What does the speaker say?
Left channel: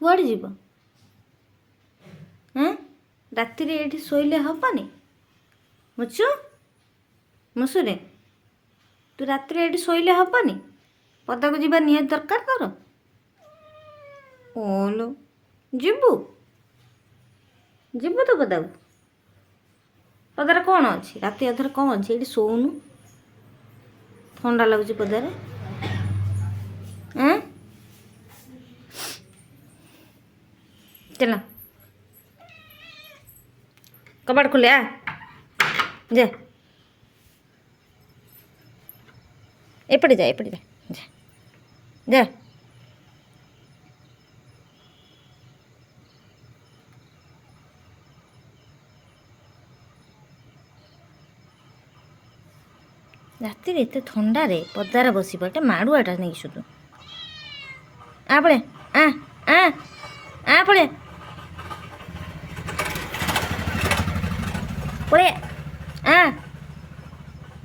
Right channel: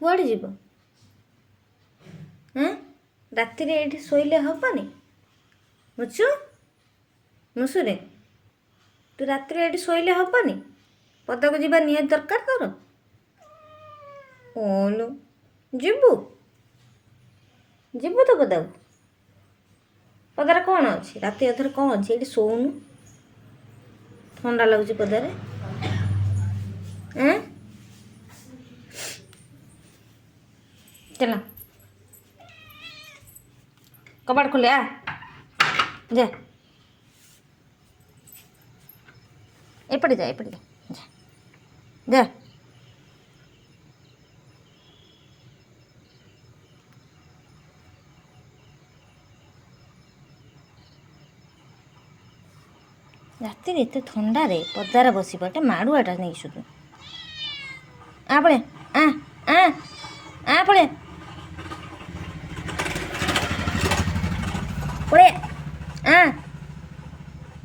କୁଆଡ଼େ ଯିବ? ରାତିରେ ଏଇଠି ଶୋଇଲେ ହବନି? ମୁସୁରେ ତୁ ରାତିରେ ଏଇଠି ଶୋଇଲେ ହବନି? ପଦାକୁ ଯିବା ନିହାତି ଦରକାର ତୋର। ଓଲୋ, ଯିବୁ ଯିବୁ ତ ପଦାକୁ? ପଦାରେ କ'ଣ ଅଛି? ରାତି ଅଧରେ କ'ଣ ଅଛି? ଏଇଠି ଶୋଉନୁ, ଥଣ୍ଡା ଲାଗୁଛି ପଦାରେ। ଚାଲ କବାଟ ଖୋଲେ ଯା, ଏପଟେ ଯା, ଏପଟେ ଯା, ଯା। ରାତିରେ ଏତେ ଥଣ୍ଡାରେ ପଦାରେ ବସିବ, ଏଟା ମାଡ଼ୁଆଟା ନେଇକି ସୁଧୁ। ପଳେ ପଳେ